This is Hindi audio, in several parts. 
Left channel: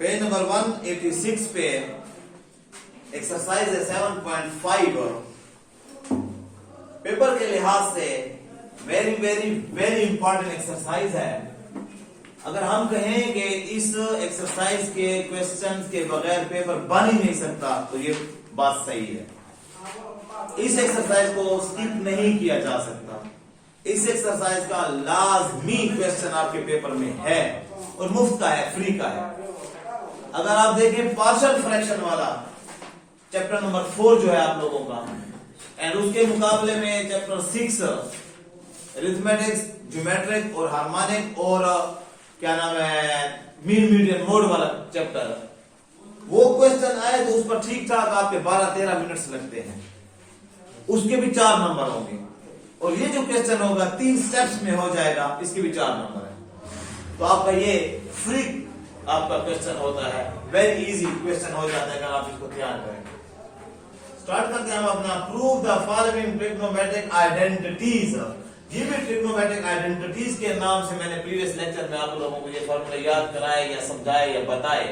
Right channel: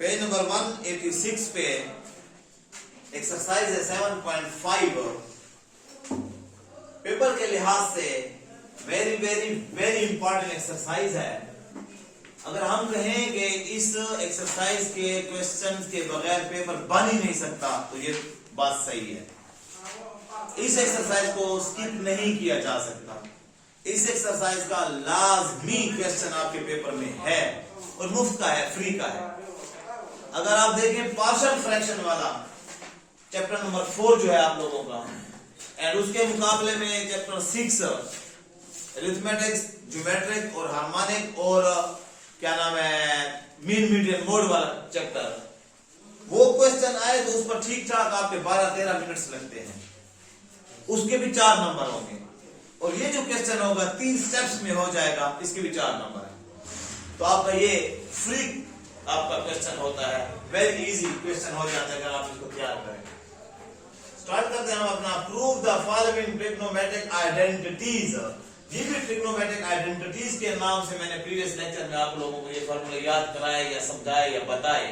पेज नंबर 186 पे एक्सरसाइज है 7.5। पेपर के लिहाज से very very very important exercise है। अगर हम कहें कि इस एक्सरसाइज के क्वेश्चंस के बगैर पेपर बन ही नहीं सकता तो ये बात सही है। इस एक्सरसाइज को स्किप नहीं किया जा सकता। इस एक्सरसाइज का लाजमी क्वेश्चन आपके पेपर में है और मुफ्त का है, फ्री का है। अगर आप देखें पार्शियल फ्रैक्शन वाला चैप्टर नंबर 4 जो है आप लोगों का, एंड उसके मुकाबले में चैप्टर 6 अरिथमेटिक्स, ज्योमेट्रिक और हार्मोनिक और क्या नाम है मीन मीडियन मोड वाला चैप्टर, वो क्वेश्चन आए तो उस पर ठीक ठाक आपके 12-13 मिनट्स लगते हैं। उसके भी 4 नंबर होंगे और ये जो क्वेश्चन होगा 3 स्टेप्स में हो जाएगा, इसके भी 4 नंबर है। तो आपका ये फ्री आपका क्वेश्चन होता है, वेरी इजी क्वेश्चन हो जाता है अगर आप इसको तैयार करें। स्टार्ट करते हैं हम अपना prove the following trigonometric identities. ये भी ट्रिग्नोमेट्रिक आइडेंटिटीज के नाम से मैंने प्रीवियस लेक्चर में आप लोगों को ये फॉर्मूला याद कराए या समझाए या बताए।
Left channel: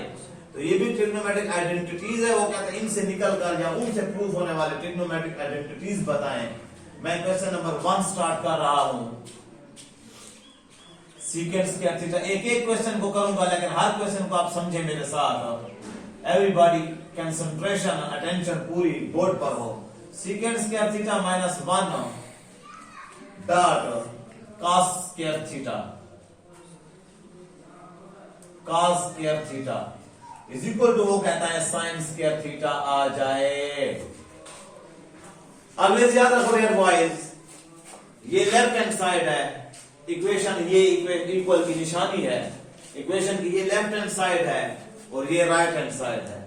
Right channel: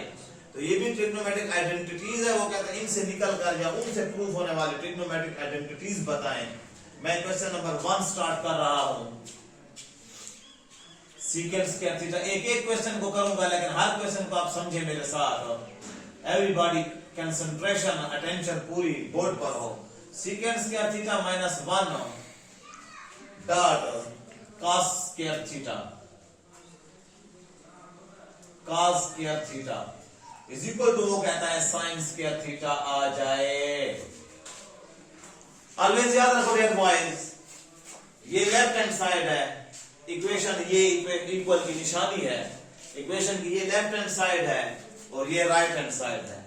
तो ये भी ट्रिग्नोमेट्रिक आइडेंटिटीज है। वो कहते हैं इनसे निकल कर या उनसे प्रूव होने वाले ट्रिग्नोमेट्रिक आइडेंटिटीज बताएं। मैं क्वेश्चन नंबर 1 स्टार्ट कर रहा हूं। सीकेंट स्क्वायर थीटा, एक एक क्वेश्चन को करूंगा लेकिन हर क्वेश्चन को आप समझे मेरे साथ। एवरीबॉडी कंसंट्रेशन अटेंशन पूरी बोर्ड पर हो। Secant square theta minus 1 dot cos square theta, cos square theta is equal to, वो कहता है साइन स्क्वायर थीटा आ जाए। अब याद रखो डियर बॉयज, ये लेफ्ट हैंड साइड है इक्वेशन, ये इक्वल की निशानी है इक्वेशन की, ये लेफ्ट हैंड साइड है और ये राइट हैंड साइड है।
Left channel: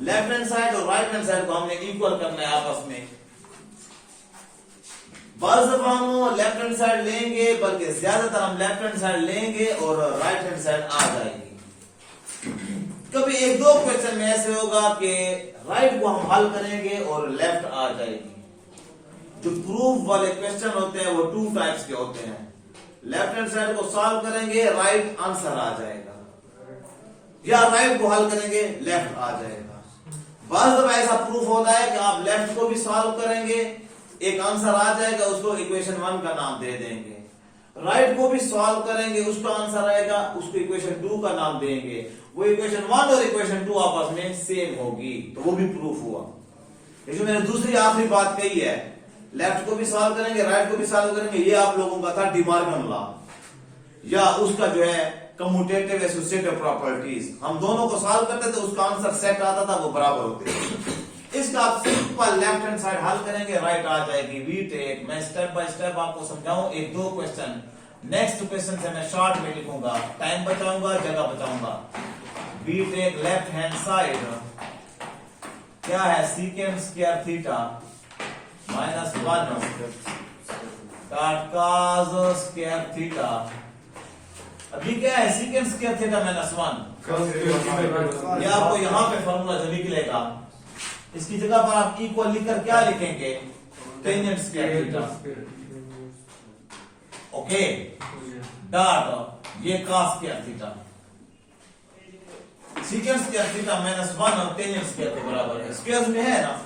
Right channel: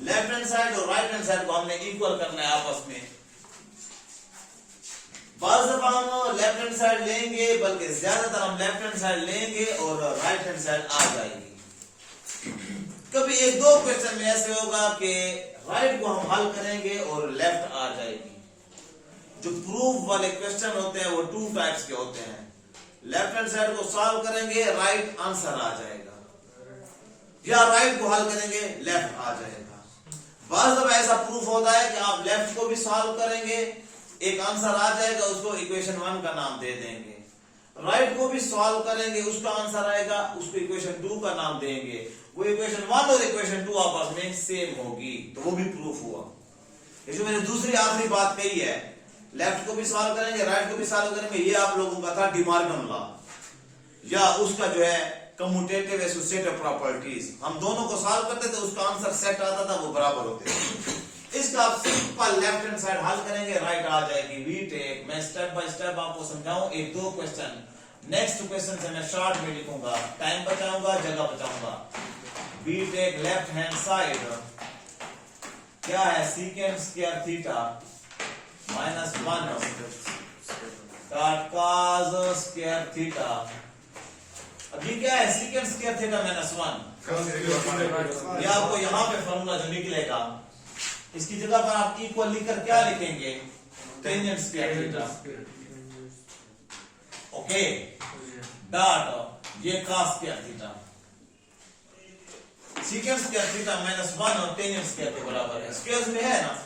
लेफ्ट हैंड साइड और राइट हैंड साइड को हमने इक्वल करना है आपस में। बस जब हम लेफ्ट हैंड साइड लेंगे, बल्कि ज्यादातर हम लेफ्ट हैंड साइड लेंगे और राइट हैंड साइड आ जाएगी। कभी 1-2 क्वेश्चन में ऐसे होगा कि राइट को हम हल करेंगे और लेफ्ट आ जाएगी। जो प्रूफ वाले क्वेश्चन होते हैं वो 2 टाइप्स के होते हैं। लेफ्ट हैंड साइड को सॉल्व करेंगे, राइट आंसर आ जाएगा, या राइट को हल करेंगे, लेफ्ट आ जाएगा। बस जब ऐसा प्रूफ होता है कि आप लेफ्ट को भी सॉल्व करेंगे, एक आंसर आ जाएगा, उसको इक्वेशन 1 का नाम दे देंगे। राइट को भी सॉल्व करेंगे, उसका आंसर आएगा, उसको इक्वेशन 2 का नाम देंगे। वो इक्वेशन 1 और इक्वेशन 2 आपस में सेम होगी, तो वो भी प्रूफ हुआ। ये जो मैंने दूसरी आखिरी बात कही है, लेफ्ट को भी सॉल्व करेंगे, राइट को भी सॉल्व करेंगे, ये आप लोगों का था डिमॉर्गन लॉ, या उसका जो है कम्यूटेटिव एसोसिएटिव प्रॉपर्टीज। हम दोनों को सॉल्व करते थे, उसका आंसर सेट आता था, वो बराबर होते थे। इसका आप सिंपल लेफ्ट हैंड साइड हल करेंगे, राइट आ जाएगी। वी टेक, मैं स्टेप बाय स्टेप आपको समझाऊं 1-2 क्वेश्चन। नेक्स्ट क्वेश्चन से मैं शॉर्ट में लिखूंगा, टाइम बचाऊंगा, जगह बचाऊंगा। We take left hand side, क्या है secant square theta minus 1 dot cos square theta. अभी क्या है सीकेंट स्क्वायर थीटा माइनस 1। ये आपको यहां पे फॉर्मूला जो निकलेगा, इसकी जगह पर आप इक्वल लिखकर क्या लिखेंगे, tangent square theta, okay, dot ये cos square theta. Secant square theta minus 1 और टेंजेंट स्क्वायर के बराबर है, स्क्वायर में है ना।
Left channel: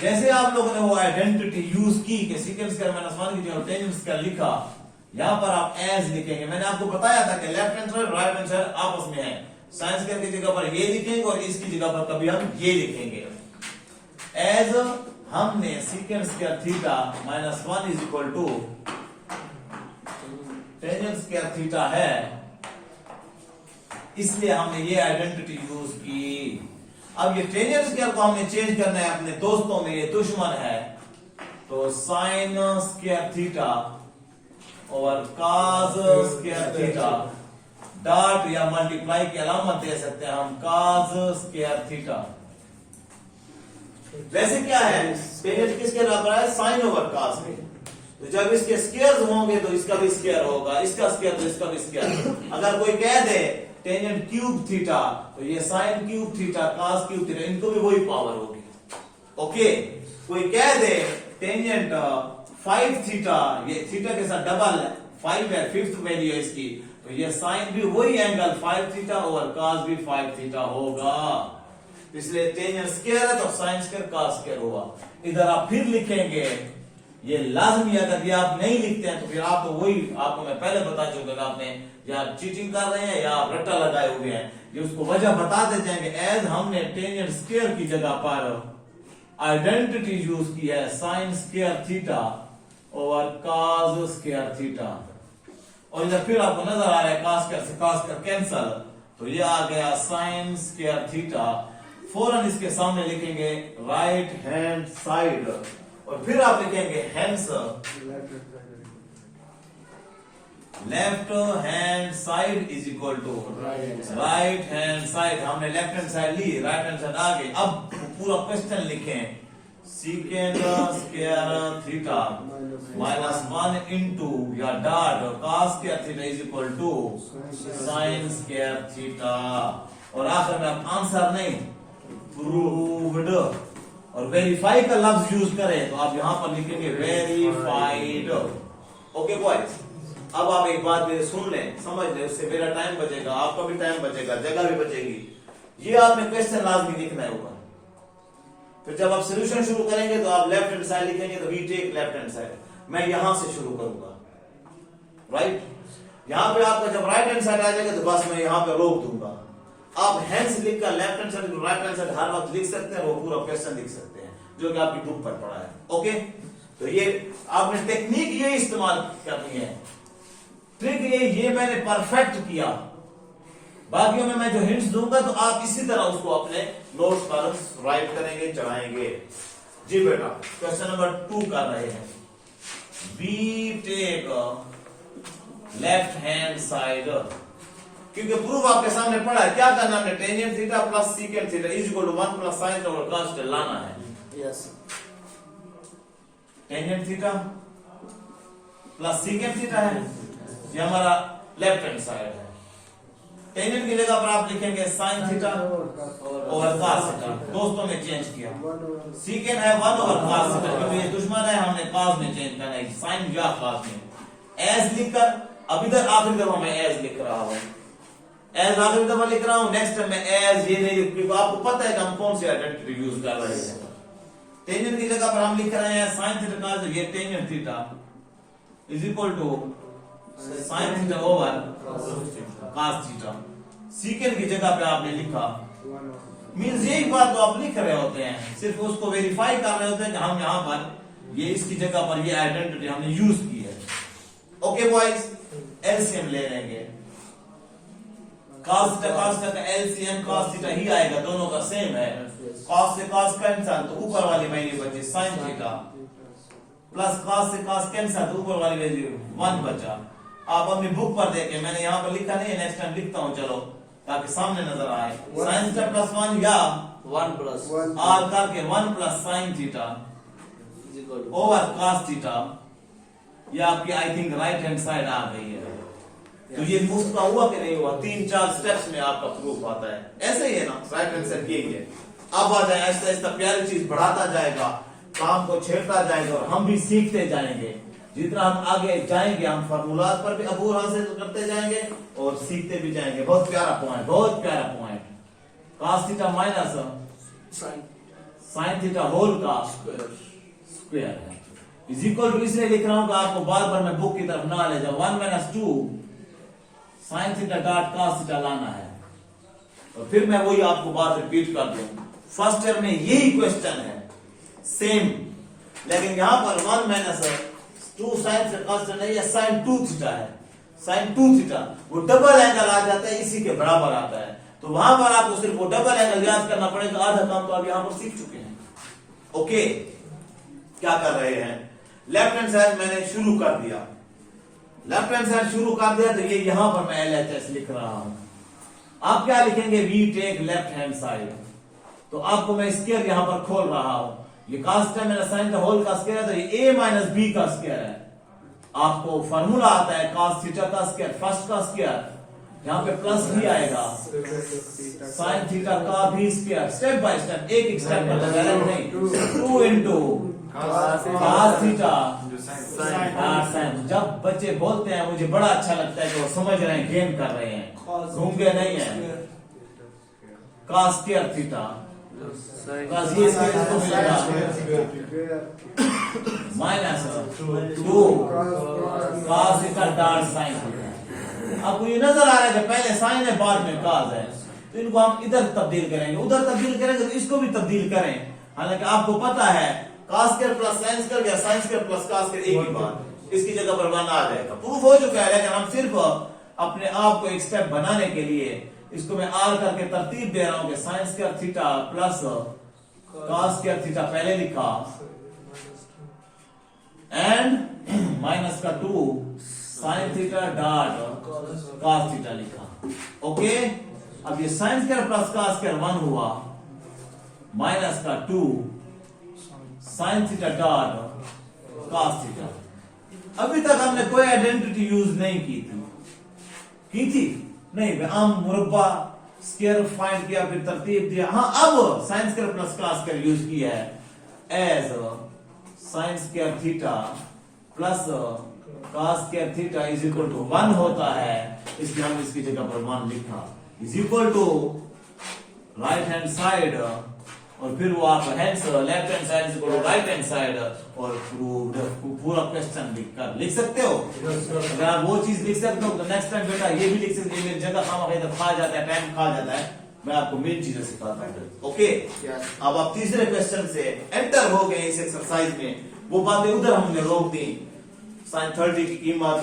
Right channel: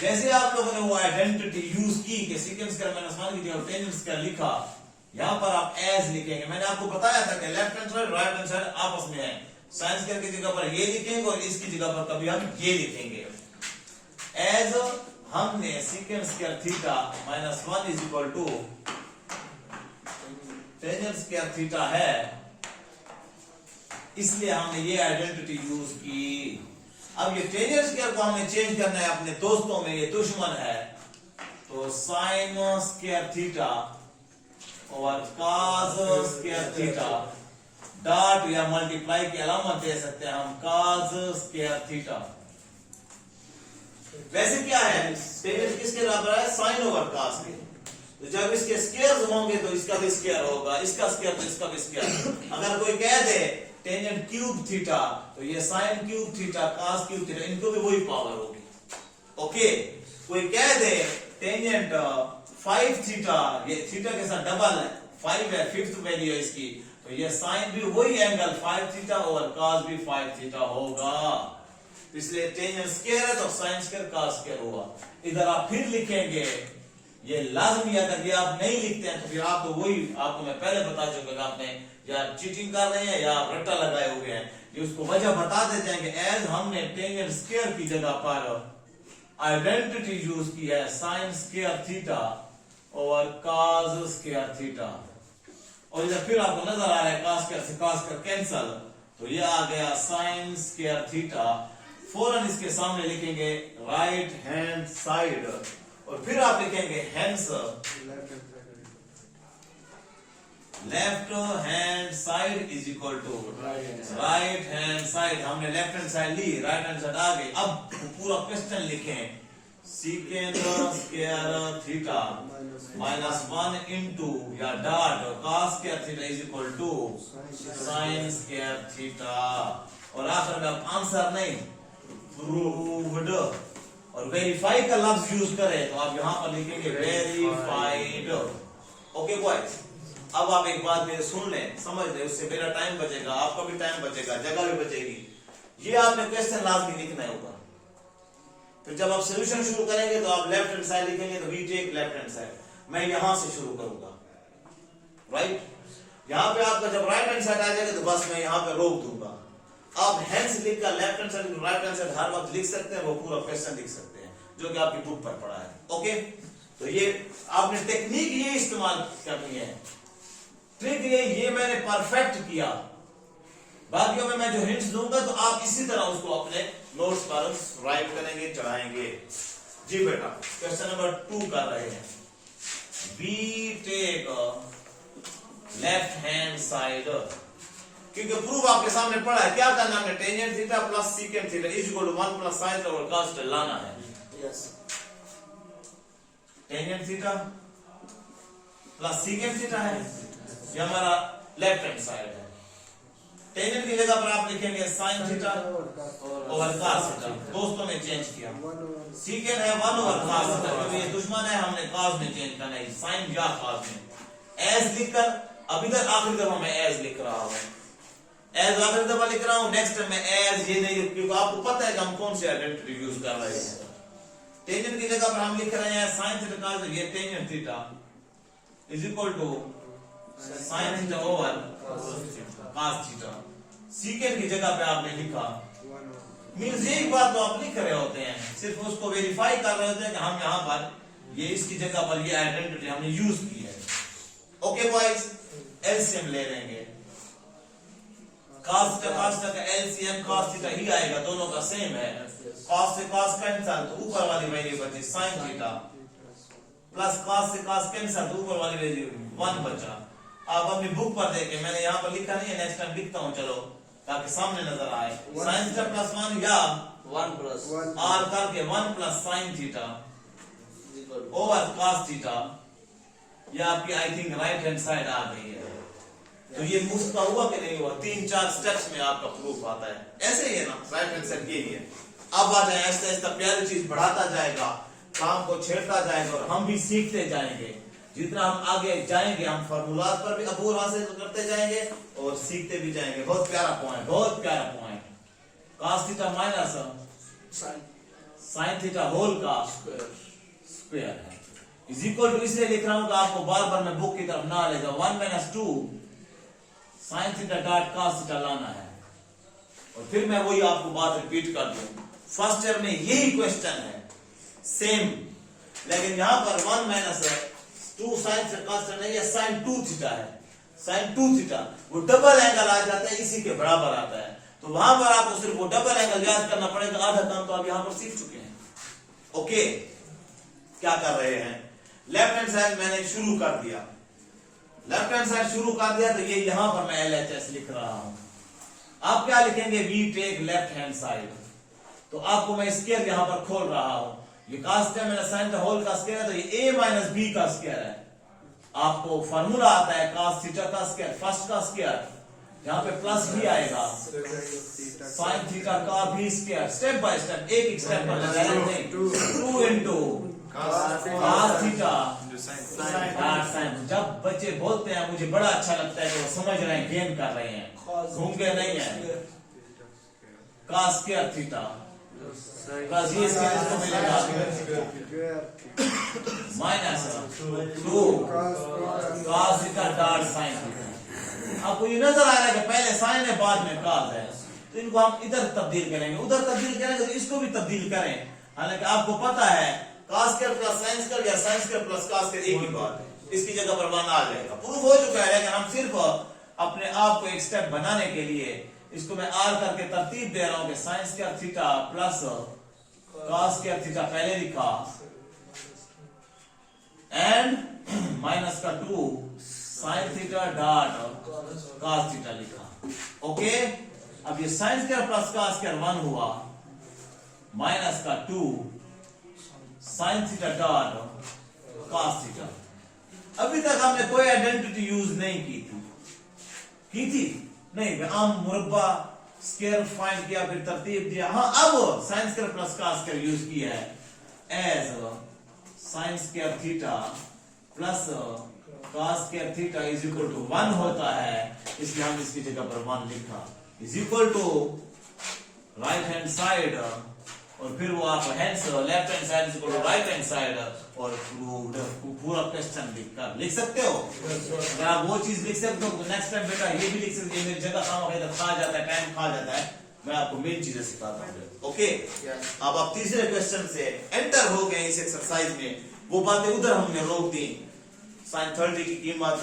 जैसे आप लोगों ने वो आइडेंटिटी यूज की कि सीकेंट स्क्वायर माइनस 1 की जगह टेंजेंट स्क्वायर लिखा, यहां पर आप एज लिखेंगे। मैंने आपको बताया था कि left hand side right hand side आपस में है। साइन स्क्वायर की जगह पर ये लिखेंगे और इसकी जगह पर कभी हम ये लिखेंगे। एज हमने secant square theta minus 1 is equal to tangent square theta है, इसलिए हमने ये आइडेंटिटी यूज की। अब ये टेंजेंट स्क्वायर को हमें चेंज करना है अपने दोस्तों में, ये दुश्मन है, तो साइन स्क्वायर थीटा और कॉस स्क्वायर थीटा डॉट या मल्टीप्लाई की अलामत दे सकते हैं हम, कॉस स्क्वायर थीटा। वैसे क्या है, टेंजेंट किसके बराबर है, साइन ओवर कॉस के। तो जब इसके स्क्वायर्स होंगे तो इसका भी स्क्वायर होगा, इसका स्क्वायर तो इसका भी स्क्वायर। अगर कोई कह दे टेंजेंट क्यूब थीटा, तो ये sine cube theta, cos cube theta, इनको भी वही पावर होगी, ओके। कोई कह दे टेंजेंट 5 थीटा, ये थीटा के साथ डबल 5 है, फिफ्थ वैल्यू है इसकी, तो ये साइन भी वही एंगल 5 थीटा और कॉस भी 5 थीटा होगा। इसलिए टेंजेंट स्क्वायर है तो साइन स्क्वायर कॉस स्क्वायर होगा। इधर आप फिर लिखेंगे, ये लाजमी, अगर ये आप नहीं लिखते हैं तो फिर आपको वही, आपको मैं पहले बता चुका कि आपने या चीटिंग कर रहे हैं या आप रट्टा लगाए हुए हैं, ये उसको वजह बता देते हैं कि एज हमने टेंजेंट स्क्वायर की जगह पर आइडेंटिटी यूज की है साइन स्क्वायर थीटा और कॉस स्क्वायर थीटा, और जब फिर आपको नजर आ रहा है कॉस स्क्वायर से कॉस स्क्वायर कैंसल, तो ये आ गया साइन स्क्वायर थीटा। फौरन इसके सामने लिखेंगे राइट हैंड साइड और फिर आप लिखेंगे hence left hand side is equal to right hand side. हमने लेफ्ट हैंड साइड ली, राइट हैंड साइड आ गई। अब पूरा क्वेश्चन लिखें, secant square theta minus 1 into या dot cos square theta is equal to sine square theta, और आखिर में आप आंसर नहीं प्रूव्ड और वेरीफाई का लफ्ज यूज करें तो आप यहां पर लिखेंगे वेरीफाइड। ओके बॉयज, अब आप एक बात ये सुन लें, समझ लें, उससे मेरा टाइम बचेगा, आपका भी टाइम बचेगा, जगह भी बचेगी। ये आपने क्वेश्चन लाजमी लिखना होगा। तो जब आप सोल्यूशन शुरू करेंगे तो आप लेफ्ट हैंड साइड लिखेंगे, तो we take left hand side. मैं यहां से शुरू करूंगा, राइट। यहां पे आपका जब राइट हैंड साइड आ जाएगा तो बस मैं यहां पे रोक दूंगा। आप हैंड्स लिखकर left hand side right hand side हर वक्त लिख सकते हैं, वो पूरा क्वेश्चन लिख सकते हैं जो कि आपकी बुक पर पड़ा है। ओके, तो ये आपने टेक्निक ये इस्तेमाल करनी है, ट्रिक ये मैंने परफेक्ट किया। बाकियों में मैं जो हिंट्स दूंगा तो आप इसी तरह उसको अपने नोट्स पर राइट करेंगे, चढ़ाएंगे। जी बेटा, क्वेश्चन नंबर 2 कर रहे हैं। We take left hand side, क्योंकि प्रूफ आपके सामने पड़ा है। क्या करना है, tangent theta plus secant theta is equal to 1 plus sine theta और कॉस थीटा लाना है। Yes, tangent theta plus secant theta है, ये हमारा लेफ्ट हैंड साइड है। टेंजेंट की जगह पर आप लिखेंगे साइन थीटा और कॉस थीटा, दोस्तों में चेंज किया। सीकेंट है 1 ओवर कॉस थीटा, क्योंकि ये दुश्मन है, हमने कॉस में चेंज करना है, साइन या कॉस में। एज लिखकर अब इधर आखिरी दफा मैं एज लिख रहा हूं, एज आखिरी दफा लिख रहा हूं, नेक्स्ट में एज ये नहीं, क्योंकि आपको पता है कि हम कौन सी आइडेंटिटी यूज कर रहे हैं। टेंजेंट की जगह पर हम लिख रहे हैं साइन थीटा कॉस, ये tangent theta is equal to sine theta over cos theta. Secant की जगह पे आपने लिखा, मींस यही बात तो आप लिख रहे होते हैं, सिर्फ उसको वेरीफाई कर रहे होते हैं कि हम यहां पर ये इसकी जगह पर ये आइडेंटिटी हमने यूज की है। ओके बॉयज, एलसीएम ले लेंगे, cos थीटा का एलसीएम cos थीटा ही आएगा, दोनों का सेम है। cos से cos कैंसल तो ऊपर वाली वैल्यू बची sin थीटा, प्लस cos से cos कैंसल तो ऊपर वाली वैल्यू 1 बचा। आप अपनी बुक पर देखें, मैंने यहाँ पर लिखा नहीं है, नेक्स्ट टाइम लिखता हूँ, चलो ताकि सामने नजर आए। sin थीटा प्लस 1 या 1 प्लस r करके 1 plus sin theta over cos theta, ये आपकी I think right hand side आ गई है। तो ये मुफ्त का हुआ कि नहीं हुआ, 3-4 स्टेप्स में आपका प्रूफ आता है। ऐसे ही है ना, राइट हैंड साइड यही है। अब आ जाए, ऐसा ऐसा प्यारी चीज बढ़ाता जाएगा, काम को छेड़ता जाएगा और हम भी सीखते जाएंगे। जितना हम आगे जाएंगे हम फार्मूलाज पर भी अबूर हासिल करते जाएंगे और सीखते भी जाएंगे। बहुत प्यारा पॉइंट, बहुत प्यारा point. cos theta minus sin theta whole का स्क्वायर है इज इक्वल टू, इसलिए लिख रहा हूं कि आपको बार बार मैं बुक की तरफ ना ले जाऊं। 1 minus 2 sine theta dot cos theta लाना है, और फिर मैं वही आपको बात रिपीट कर दूं। फर्स्ट ईयर में यही क्वेश्चन है सेम, लेकिन यहां पर 1 माइनस 2 साइन से cos थीटा नहीं है, साइन 2 थीटा है। साइन 2 थीटा वो डबल एंगल आ जाता है, इसी के बराबर आता है। तो वहां पर आपको सिर्फ वो डबल एंगल याद करना पड़ेगा, आधा काम तो आप यहां पर सीख चुके हैं। ओके, क्या कर रहे हैं, लेफ्ट हैंड साइड मैंने शुरू कर दिया, लेफ्ट हैंड साइड शुरू कर दिया, तो ये यहां पर मैं LHS लिख रहा हूं। आप क्या लिखेंगे, we take left hand side, तो आपको मैं स्क्वायर यहां पर खोल रहा हूं। ये cos थीटा मेरा साइन का होल का स्क्वायर है, तो ये a माइनस b का स्क्वायर है। आपको फार्मूला आता है cos थीटा का स्क्वायर फर्स्ट का स्क्वायर, यहाँ पे प्लस भी आएगा, साइन थीटा का भी स्क्वायर, स्टेप बाय स्टेप, एक एक स्टेप पर लगाया नहीं, 2 इंटू cos थीटा साइन। जब बच्चे बोलते हैं मुझे बड़ा अच्छा लगता है कि वो समझ रहे हैं, गेम कर रहे हैं, घूम गए नहीं है। cos स्क्वायर थीटा प्लस ये इसको मिलेगा minus 2 cos theta dot sine theta. आपको ये नजर आ रहा है कि पहले साइन है बाद में cos है, तो इनको हम इधर तब्दील करेंगे, उधर तब्दील करेंगे, तो इसको भी तब्दील करें। हालांकि आपको पता है cos square plus sine square या sine square plus cos square एक ही बात, इसकी जगह पर 1 आ जाएगा, प्रूफ हो चुका है। लेकिन हम सिर्फ अपने आप को एक स्टेप बनाने के लिए इसको मैं आर करके तरतीब दे रहा हूं कि sign square theta plus cos square theta पहले लिखा एंड माइनस का 2 sine theta dot cos theta लिखा। ओके, अब ये sign square plus cos square 1 हुआ, माइनस का 2 sine theta dot cos theta. अभी तक हमने कोई आइडेंटिटी यूज नहीं की थी नहीं, आम मुरब्बा स्क्वायर फाइंड किया, फिर तरतीब दिया। हाँ, अब sine square plus cos square use किया है as sine square theta plus cos square theta is equal to 1 होता है, इसलिए हम इसकी जगह पर 1 लिखा, is equal to right hand side, और फिर वो आप hands left hand side is equal to right hand side, और प्रूव्ड, पूरा क्वेश्चन लिख सकते हो। अगर आप वो चीज लिख सकते हो तो नेक्स्ट टाइम बेटा ये भी लिख सकते हो। मेरी जगह खा जाता है, टाइम खा जाता है, मैं आपको मेन चीजें सिखाता हूँ। ओके, अब आप तीसरे क्वेश्चन से एंटर हो गए इस एक्सरसाइज में, वो बातें उधर हमने रोक दी, साइन 30 की कीमत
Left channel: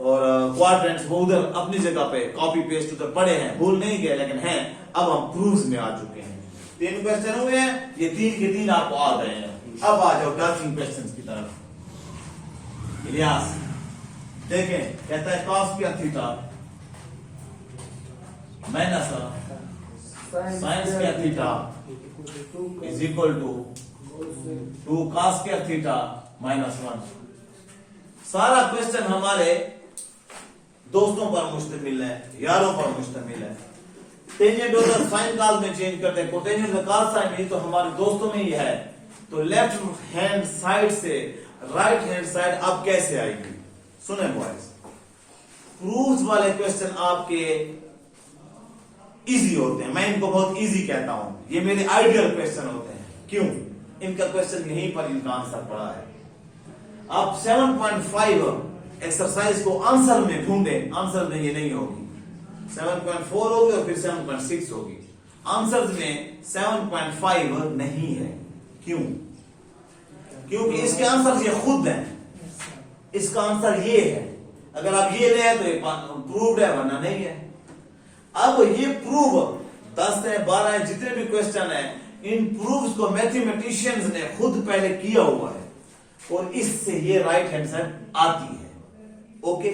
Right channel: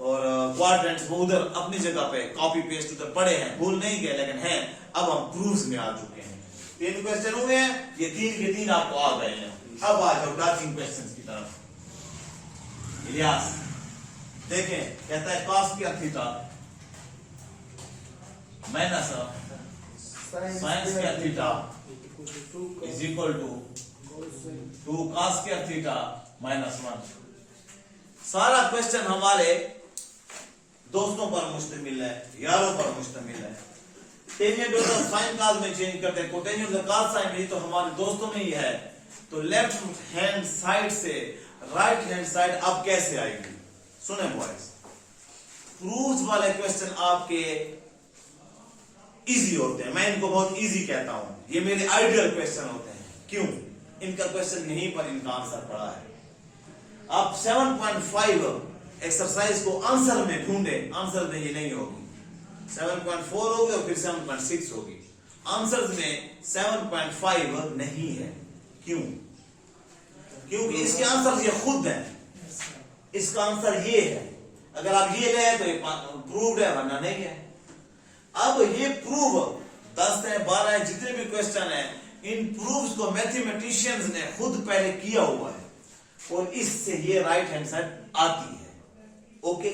और क्वाड्रेंट्स वो उधर अपनी जगह पे कॉपी पेस्ट उधर पड़े हैं, भूल नहीं गए, लेकिन हैं। अब हम प्रूफ्स में आ चुके हैं, 3 क्वेश्चन हुए हैं, ये 3 के 3 आपको आ गए हैं। अब आ जाओ डार्किंग क्वेश्चंस की तरफ। इलियास देखें, कहता है cos square theta minus sine square theta is equal to 2 cos square theta minus 1। सारा क्वेश्चन हमारे दोस्तों पर मुश्तमिल है, यारों पर मुश्तमिल है। टेंजेंट और साइन कॉस में चेंज करते हैं, कोटेंजेंट और कॉस साइन में, तो हमारे दोस्तों में ही है। तो लेफ्ट हैंड साइड से राइट हैंड साइड अब कैसे आएगी? सुने बॉयज, प्रूफ्स वाले क्वेश्चन आपके इजी होते हैं, मैं इनको बहुत इजी कहता हूं, ये मेरे आइडियल क्वेश्चन होते हैं। क्यों? इनका क्वेश्चन यहीं पर इनका आंसर पड़ा है। आप 7.5 एक्सरसाइज को आंसर में ढूंढे, आंसर में ये नहीं होगी, 7.4 होगी और फिर 7.6 होगी। आंसर्स में 7.5 नहीं है। क्यों? क्योंकि इसके आंसर ये खुद है, इसका आंसर ये है। अगर आप ये ले तो ये प्रूव्ड है, वरना नहीं है। अब ये प्रूव 10 है 12 है जितने भी क्वेश्चन है, इन प्रूव्स को मैथमेटिशियंस ने खुद पहले किया हुआ है और इससे ये राइट हैंड साइड आती है। ओके,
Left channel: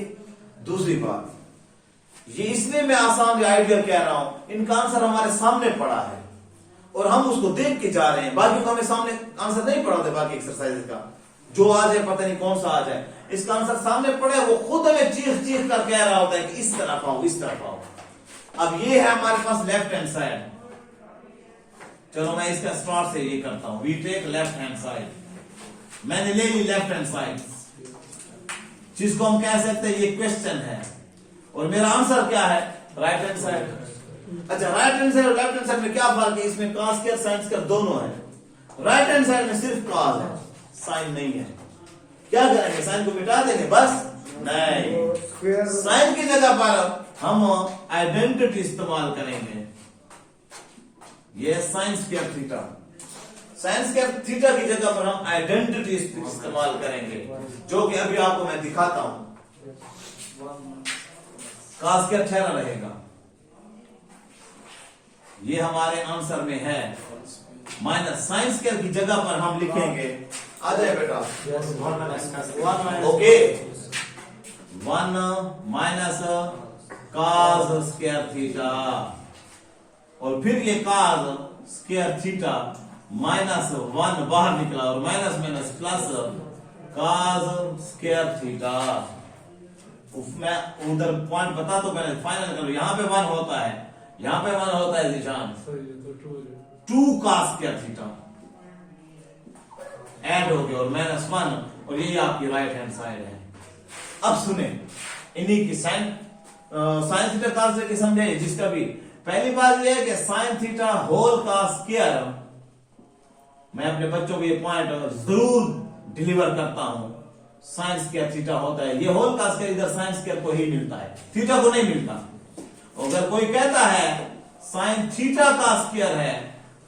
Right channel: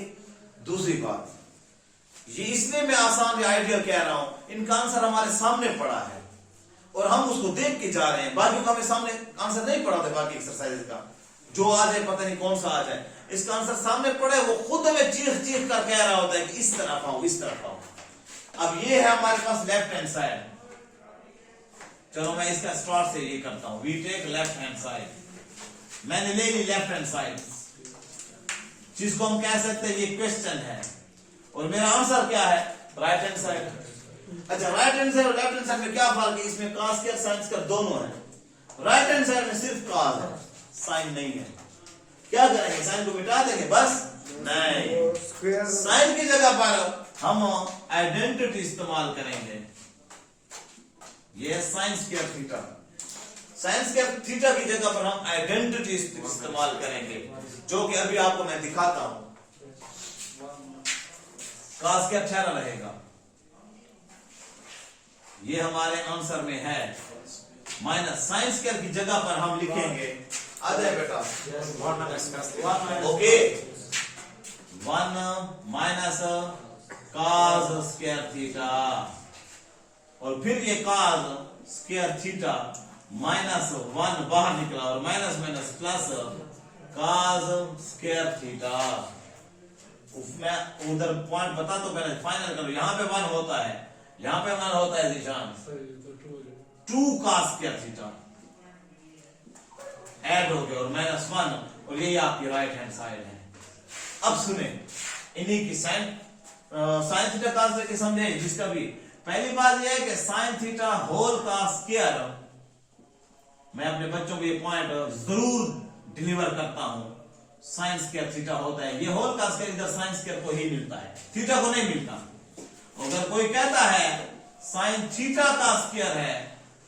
दूसरी बात, ये इसलिए मैं आसान आइडिया कह रहा हूं, इनका आंसर हमारे सामने पड़ा है और हम उसको देख के जा रहे हैं। बाकी का हमें सामने आंसर नहीं पड़ा होता, बाकी एक्सरसाइज का जो आ जाए पता नहीं कौन सा आ जाए, इसका आंसर सामने पड़ा है, वो खुद हमें चीख चीख कर कह रहा होता है कि इस तरफ आओ, इस तरफ आओ। अब ये है हमारे पास लेफ्ट हैंड साइड, चलो मैं इसका स्टार्ट से ये करता हूं, we take left hand side. मैंने ले ली लेफ्ट हैंड साइड, जिसको हम कह सकते हैं ये क्वेश्चन है, और मेरा आंसर क्या है? Right hand side. अच्छा, राइट हैंड साइड और लेफ्ट हैंड साइड में क्या फर्क है? इसमें cos स्क्वायर साइन स्क्वायर दोनों है, राइट हैंड साइड में सिर्फ cos है, साइन नहीं है। क्या करेंगे? साइन को मिटा देंगे? बस नहीं, साइन की जगह पर हम आइडेंटिटी इस्तेमाल करेंगे। ये sign square theta, sign square theta की जगह पर हम आइडेंटिटी इस्तेमाल करेंगे, जो कि अभी आपको मैं दिखाता हूं। cos स्क्वायर ठहरा रहेगा, ये हमारे आंसर में है। माइनस साइन स्क्वायर की जगह पर हम लिखेंगे, आ जाए बेटा, okay, 1 minus cos square theta, और फिर ये cos स्क्वायर थीटा माइनस 1 बाहर निकला और minus minus plus cos square theta. मैं उधर पॉइंट बता तो मैंने फाइनल करो। यहाँ पे 1 होता है, यहाँ पे 1 होता है निशान, 2 cos स्क्वायर थीटा ऐड हो गया और -1, और यही आपकी राइट हैंड साइड है। अब सुने इन्हीं की साइन थीटा cos थीटा की समझे जिसका भी। पहली बात यह है कि साइन थीटा होल का स्क्वायर, मैं अपने बच्चों को ये पॉइंट जरूर डिलीवर करता हूं, साइन स्क्वायर थीटा होता है। ये होल का स्क्वायर इधर साइन स्क्वायर को ही मिलता है, थीटा को नहीं मिलता। अगर कोई कहता है साइन थीटा का स्क्वायर है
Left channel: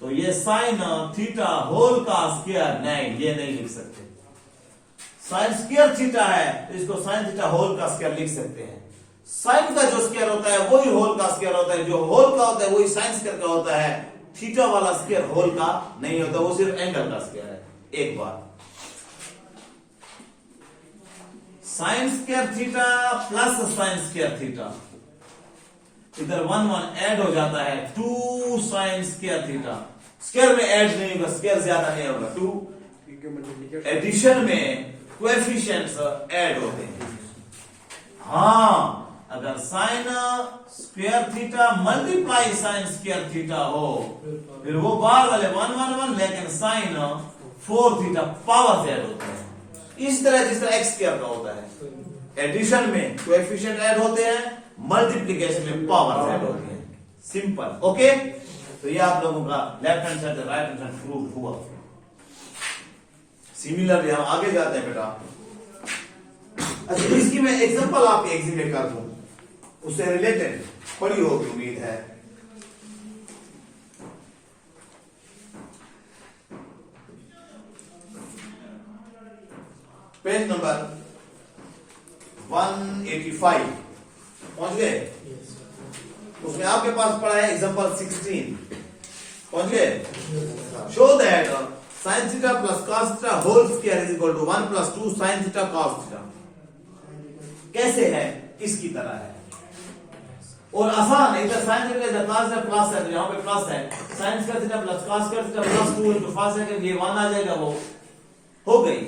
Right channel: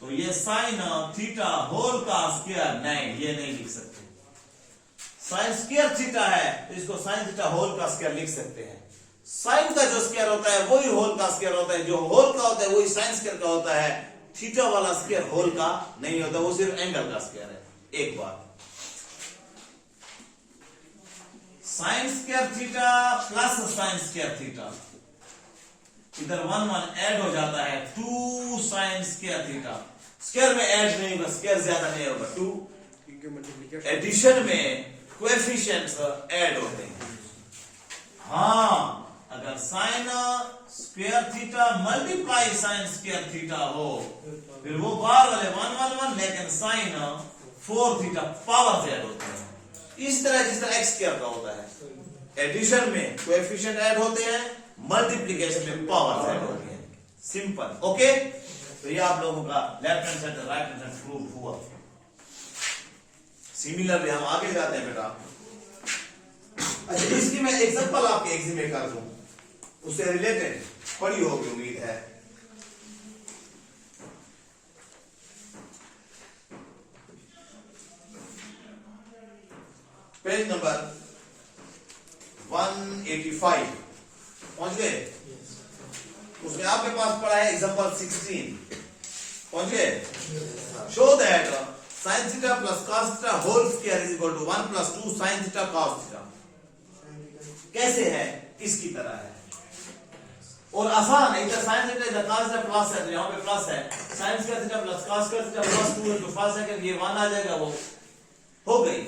तो ये साइन थीटा होल का स्क्वायर, नहीं ये नहीं लिख सकते। साइन स्क्वायर थीटा है तो इसको साइन थीटा होल का स्क्वायर लिख सकते हैं। साइन का जो स्क्वायर होता है वही होल का स्क्वायर होता है, जो होल का होता है वही साइन स्क्वायर का होता है। थीटा वाला स्क्वायर होल का नहीं होता, वो सिर्फ एंगल का स्क्वायर है। एक बात, sign square theta plus sine square theta, इधर 1 1 ऐड हो जाता है, 2 साइन स्क्वायर थीटा। स्क्वायर में ऐड नहीं होगा, स्क्वायर ज्यादा नहीं होगा, 2 एडिशन में कोएफिशिएंट्स ऐड होते हैं। हाँ, अगर sign square theta multiply sign square theta हो फिर वो बार वाले 1 1 1, लेकिन साइन 4 थीटा पावर से ऐड होते हैं। इस तरह जिस तरह एक्स स्क्वायर का होता है, एडिशन में कोएफिशिएंट ऐड होते हैं, मल्टीप्लिकेशन में पावर से ऐड होती है। Simple, okay. तो ये आप लोगों का left hand side right hand side prove हुआ। सिमिलरली हम आगे जाते हैं बेटा। अच्छा, इसकी मैं एग्जांपल आपके एग्जाम में कर दूं, उससे रिलेटेड पढ़ी होगी उम्मीद है। पेज नंबर 185 पहुंच गए? उसमें आपके पास पढ़ा है एग्जांपल 16, पहुंच गए? Show that sine theta plus cos theta whole square is equal to 1 + 2 sine theta cos theta. कैसे है? इसकी तरह है और आसान है। इधर साइन थीटा इधर कॉस है, प्लस है, यहाँ पे प्लस है, sine square theta plus cos square theta plus 2 into first second, ये 1 आ जाएगा, वो हो गई।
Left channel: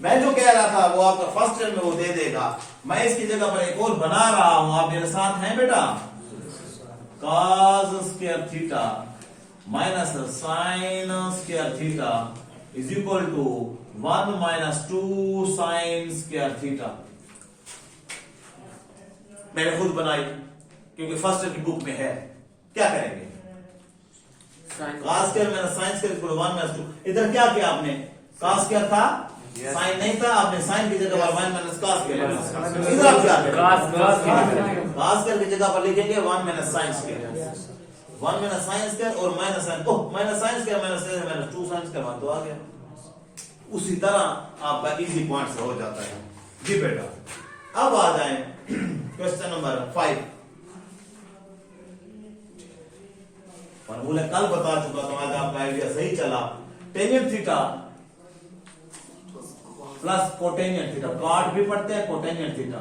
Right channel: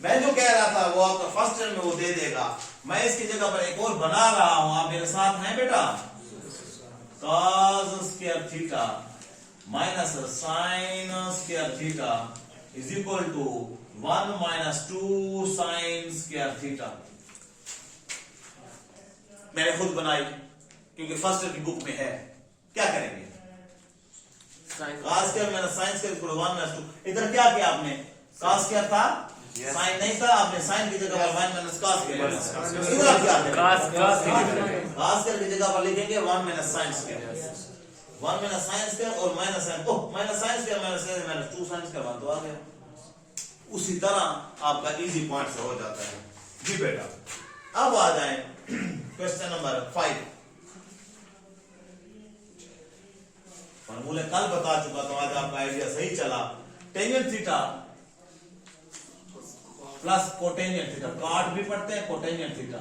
मैं जो कह रहा था वो आपका फर्स्ट ईयर में वो दे देगा। मैं इसकी जगह पर एक और बना रहा हूं, आप मेरे साथ हैं बेटा? cos square theta minus sine square theta is equal to 1 - 2 sine square theta. मैंने खुद बनाई क्योंकि फर्स्ट ईयर की बुक में है। क्या करेंगे? cos square minus sine square equal to 1 - 2। इधर क्या किया आपने? cos स्क्वायर था, साइन नहीं था, आपने साइन की जगह पर 1 - cos किया। इधर आप क्या करेंगे? cos स्क्वायर की जगह पर लिखेंगे 1 - sin स्क्वायर, 1 - sin स्क्वायर और minus sine, minus sine square minus 2 sine square, मान तो आ गया। उसी तरह आपका इजी पॉइंट से हो जाता है जी बेटा। अब आ जाए क्वेश्चन नंबर 5। फॉर्मूला कल बता चुका तो आज आपका आइडिया सही चला। Tangent theta plus cotangent theta, cot भी पढ़ते हैं, cotangent theta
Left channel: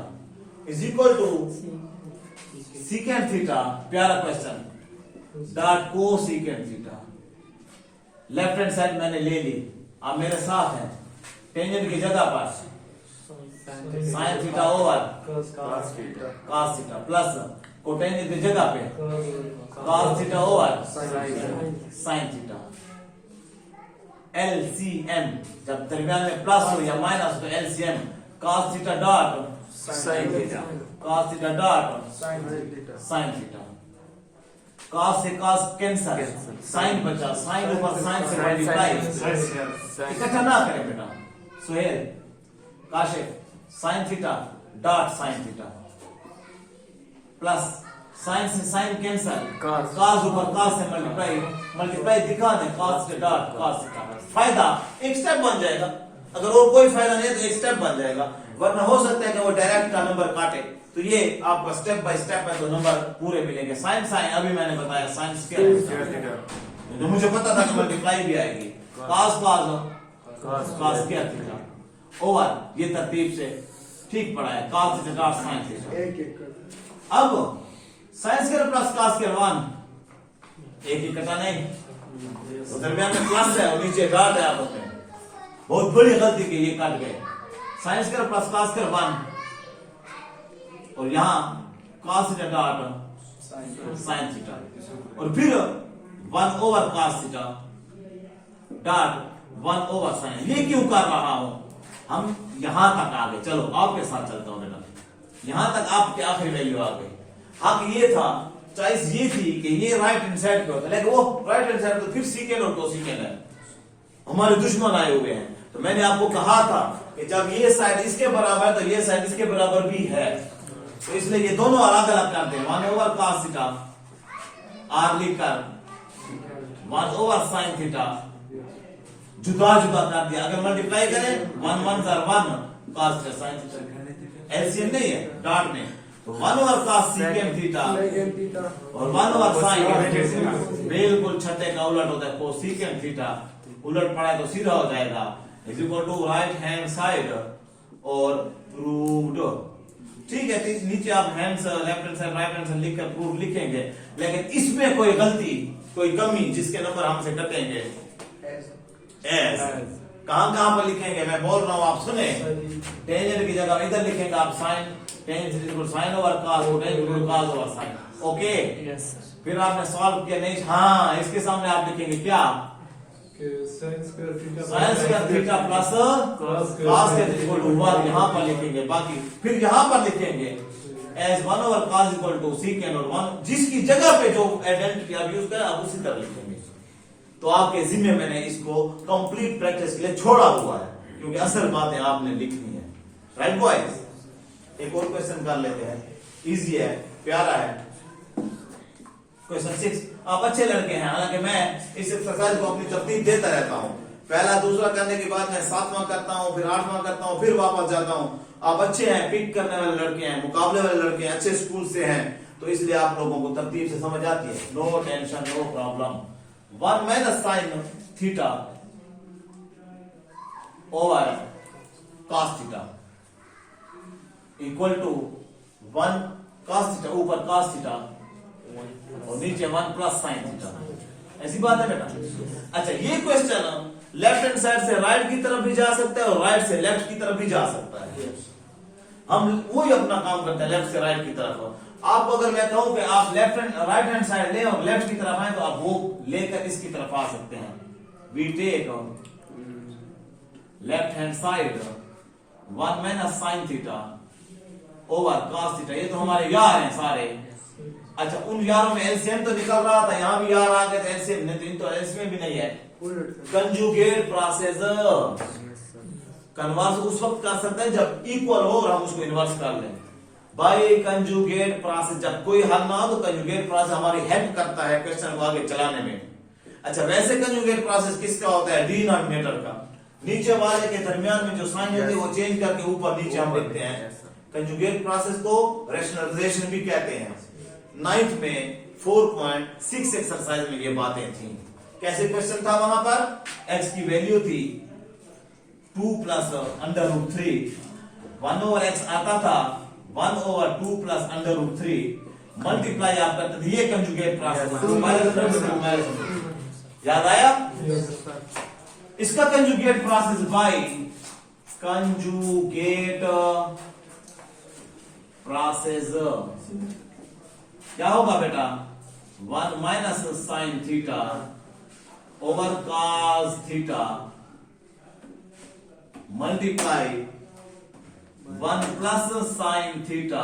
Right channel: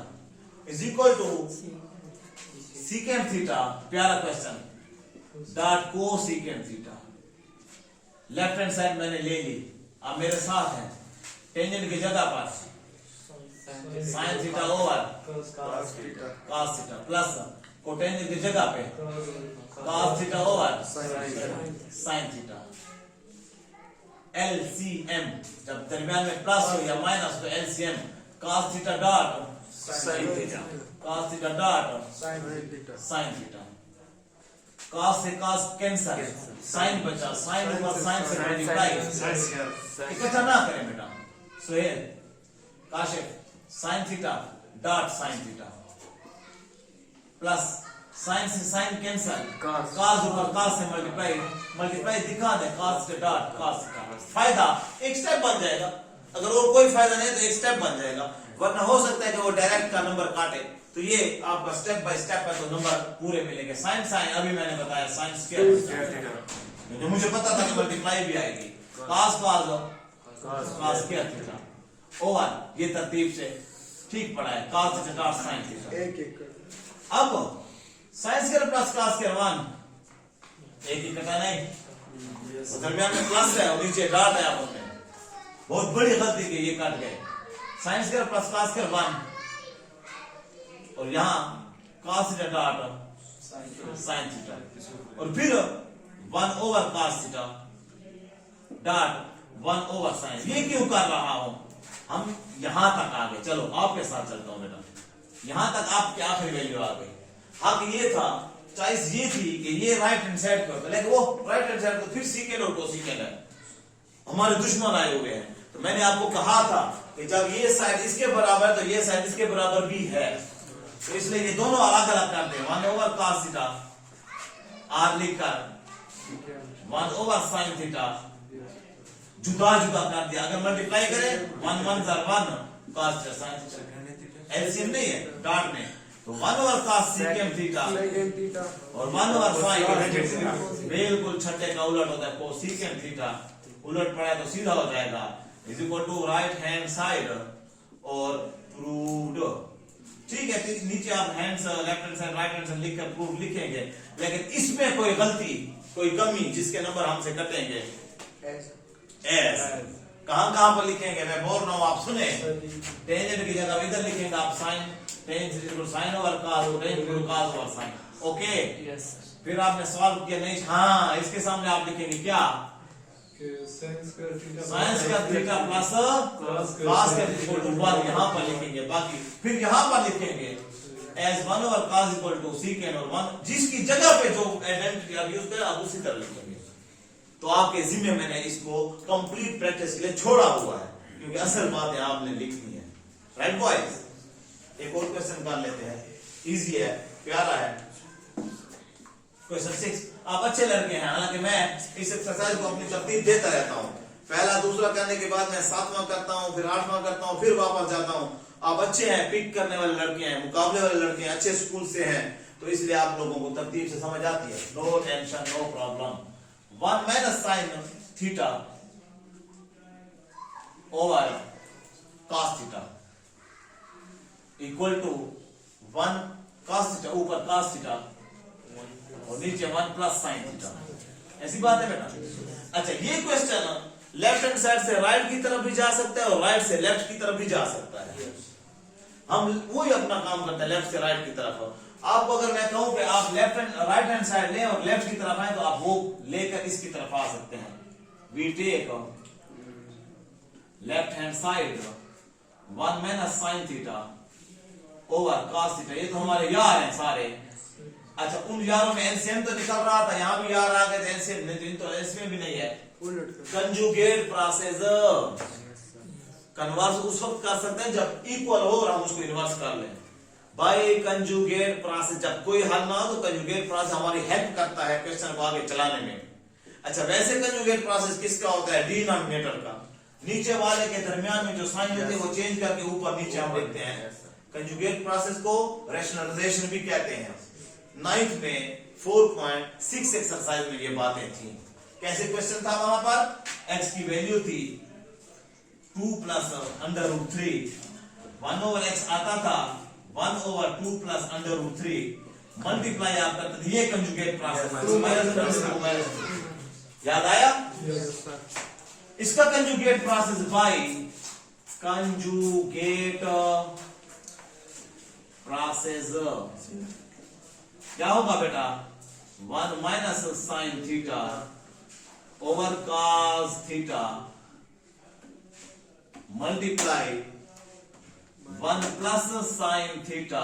is equal to secant theta, प्यारा question, dot cosecant theta. Left hand side मैंने ले ली, आप मेरे साथ हैं। टेंजेंट की जगह पर sign theta over cos theta plus cotangent की जगह पे cos theta over sine theta. LCM, जब दरमियान में प्लस हो या माइनस तो LCM cos theta dot sine theta, cos theta dot sine theta. cos से cos कैंसिल, साइन बचा, साइन ऊपर साइन से मल्टीप्लाई, इकट्ठा ना करें बेटा। Sohail, Kashif, sine theta dot sine theta plus sign से साइन कैंसिल, cos ऊपर cos से मल्टीप्लाई दिखा दे, cos से डॉट cos थीटा। फायदा एक स्टेप बन जाएगा, अगर और कोई फायदा नहीं है तो एक स्टेप बन जाएगा, वरना हो सकता है कि वो डायरेक्ट का नंबर काटे। तो ये आपका स्टेप बाय स्टेप है तो नंबर पूरे मिलेंगे। साइन साइन अभी मैंने बताया साइन स्क्वायर, तो मुझे पता था कि मल्टीप्लाई भी आएगी, cos स्क्वायर थीटा ओवर, ये तरतीब से ठीक पड़ा है, cos theta dot sine theta. अब sine square plus cos square 1, एक ही कटा नहीं, तो दरमियान में प्लस है और नीचे डॉट है, आपस में बहुत बड़ी गलती की, ये कट गए। Sign square plus cos square 1, और यहाँ cos theta dot sin theta, और फिर 1 over cos theta dot 1 over sin। ये क्यों कर रहा हूं? हम यहां तक आ गए, चलो आपके साथ चलता हूं बेटा, यहां तक आपके आखिरी वैल्यू आ गई। हक ये था, चॉइस ये थी कि ये राइट हैंड साइड पे होता, लेकिन वो राइट हैंड साइड तो फिर सीकेंड और कोसेकेंड है, हमारे दुश्मन आए हुए हैं। तो मैंने आपको कहा था कि जब ये साइड इसके बराबर तो ये साइड इसके बराबर भी है, तो इसलिए ये दोनों अलग अलग करते हैं। 1 ओवर cos थीटा आर लिखकर 1 ओवर sin थीटा जुदा जुदा कर दिया। अगर मल्टीप्लाई करें 1 1 1 cos theta sin theta, LCM नहीं है डॉट में, तो 1 ओवर cos secant थीटा और 1 ओवर sin बिल्कुल छठे का उलट होता है, कोसेकेंट थीटा उलट पड़ा तो सीधा हो जाएगा, is equal to right hand side और प्रूव्ड। ठीक है, तो नीचे आप hands left hand side right hand side लिखकर प्रूफ लिखेंगे, लेकिन इसमें कोई गलती कोई कमी जिसके नंबर हमसे कटेंगे एस कहां पर लिखेंगे, मैं बोल रहा हूं आप सुने। टेंजेंट की जगह इधर लिखेंगे आप sine, tangent is equal sine over cos, tangent equal cos over sine. Okay, फिर आपने सॉल्व किया नहीं, हाँ इसके सामने आप लिखेंगे क्या, sine square theta plus cos square equal to 1 यहां पर लिखेंगे, बाकी फिर यहां पर लिखेंगे as 1 over cos equal to secant और 1 जिसकी जगह पे जो आइडेंटिटी आप यूज करें आप उसी तरह लिखेंगे। तो आपके जिम्मे मैंने इसको कंप्लीट प्रैक्टिस के लिए छोड़ा हुआ है, क्योंकि असल बातें आपने लिखनी है। राइट बॉयज, एक और क्वेश्चन कर लेते हैं, इजी है, प्यारा है। क्वेश्चन 6, आप अच्छे लड़के हैं, हालांकि मैं इस एक्सरसाइज को अपनी तरतीब देता रहता हूं, पहला दूसरा करने के बाद मैं 7वां करता हूं, फिर 8वां करता हूं, फिर वापस जाता हूं। आप अच्छे हैं, पिक करने वाले लड़के हैं, मुकाबले वाले लड़के हैं, अच्छे स्कूल से हैं, तो इसलिए आप लोगों को तरतीब से समझ आती है। No tension, no problem. 1 minus sine theta over cos theta equal to 1 cos theta, ऊपर cos थीटा और नीचे 1 प्लस साइन थीटा। ऐसी बात है बेटा। अच्छा, ये क्वेश्चन लेफ्ट हैंड साइड से राइट की तरफ भी जा सकता है और राइट से लेफ्ट की तरफ भी जा सकता है। हम वही अपना काम करते हैं, लेफ्ट से राइट की तरफ। आपको अगर मैं कहूं कि आप left hand right hand side लें और लेफ्ट की तरफ आए, तो आप वो लेकर इसकी तरफ आ सकते हैं। We take left hand side 1 minus sine theta over cos theta. ये तो हमारे यार हैं सारे। अच्छा, उन यारों में एलसीएम तो निकल रहा था, यहां भी यार आ गए थे, एलसीएम नहीं, तो एलसीएम भी नहीं है। कंजुगेट प्रोसेस कन्वर्स उस वक्त कर सकते हैं जब इक्वल हो और हम उसको इन्वर्स कर लें। बाय कंजुगेट प्रोसेस, जब कोई हल ना हो तो कंजुगेट प्रोसेस हमारी हेल्प करता है क्वेश्चन को आगे चलाने में। अच्छा, वैसे कंजुगेट प्रोसेस किसका होता है, डिनोमिनेटर का। नीचे वाले के दरमियान में जो साइन होते हैं वो चेंज करके ऊपर नीचे हम लिखते हैं। कंजुगेट प्रोसेस को रैशनलाइजेशन भी कहते हैं। 9th में 4.6 एक्सरसाइज में ये बातें थी। कैसे क्वेश्चन था, वहां पर x की वैल्यू थी 2 plus under root 3, 1 over x आता था 1 over 2 plus under root 3, multiply आप करते थे, ये कंजुगेट प्रोसेस। याद आया? इसका conjugate process by conjugate process क्या होगा बेटा, 1 minus sine theta over cos theta multiply 1 plus sine theta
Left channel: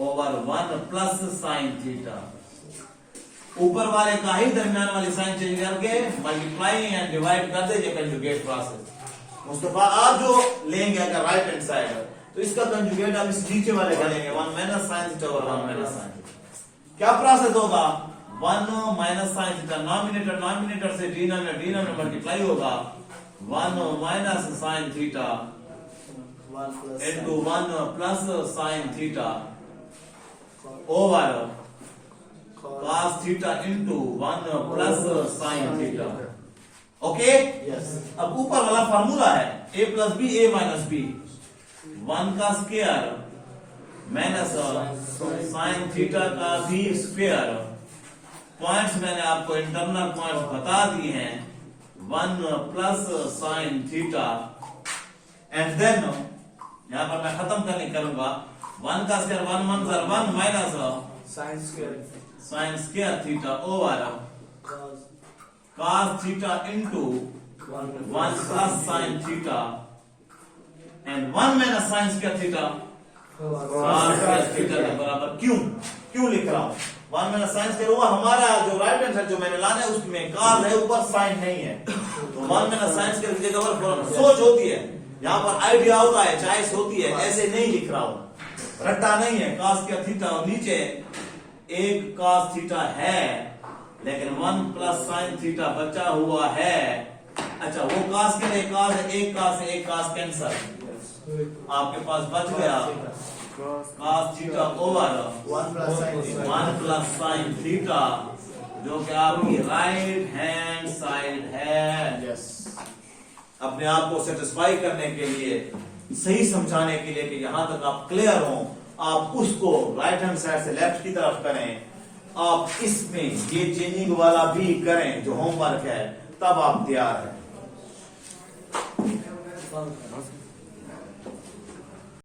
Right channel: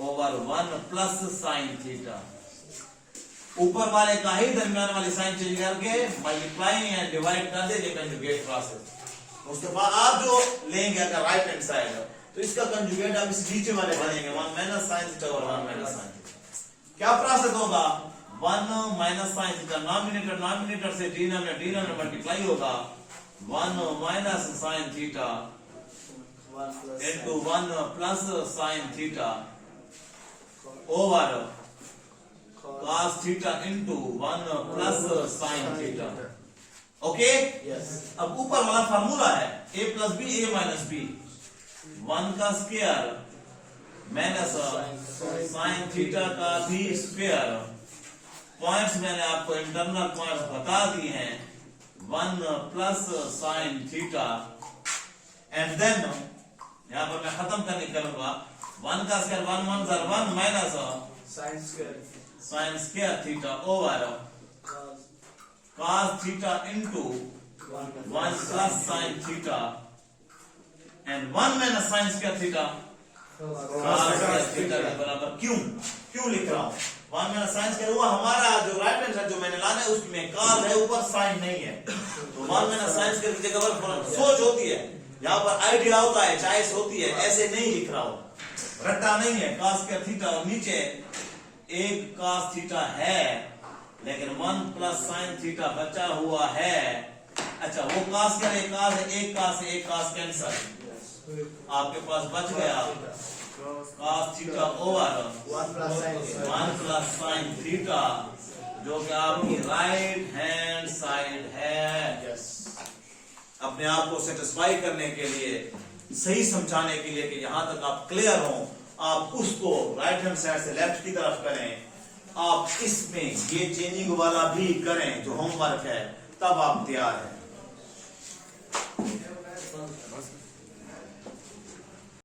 over 1 plus sine theta. ऊपर वाले का ही दरमियान वाली साइन चेंज करके मल्टीप्लाई एंड डिवाइड कर दीजिए, कंजुगेट प्रोसेस। मुस्तफा आप जो लेंगे अगर राइट हैंड साइड तो इसका कंजुगेट आप इस नीचे वाले का लेंगे, 1 माइनस साइन थीटा और 1 माइनस साइन थीटा। क्या प्रोसेस होगा, 1 माइनस साइन थीटा नॉमिनेटर से डिनोमिनेटर मल्टीप्लाई होगा, 1 minus sine theta into 1 plus sine theta over cos theta into 1 plus sine theta. Okay, अब ऊपर वाला फार्मूला है a plus b a minus b, 1 का स्क्वायर माइनस साइन थीटा का भी स्क्वायर। पॉइंट्स मैंने आपको इंटरनल पॉइंट्स बता दिए हैं, 1 plus sine theta and then यहां पर मैं खत्म करने करूंगा 1 का square 1 1 sir 1 minus sine sin square theta over cos theta into 1 plus sin theta and 1 minus sin square theta cos square theta के बराबर क्यों लिख रहा हूं 1 माइनस sin स्क्वायर हुआ हमारा जो राइट हैंड साइड जो मैंने लाना है उसमें cos है ऊपर sin नहीं है तो 1 माइनस sin स्क्वायर की जगह पर सोच होती है यहाँ पर आइडिया होता है चॉइस होती है ऐसे नहीं लिख रहा हूं रट्टा नहीं है cos स्क्वायर थीटा और नीचे एक cos थीटा है लेकिन 1 प्लस sin थीटा बचा हुआ है अच्छा वो cos स्क्वायर एक cos है एक cos कैंसल आपके पास बच गया cos theta over 1 plus sin theta जो कि आपकी राइट हैंड साइड है अपने आप को सेटिस्फाई करने के लिए सही समझाने के लिए कि यहां तक आप क्लियर हो आप उसको राइट हैंड साइड से लेफ्ट की तरफ करें आप इसमें ये चेंजिंग वाला भी करें जो होमवर्क है तब आप तैयार हैं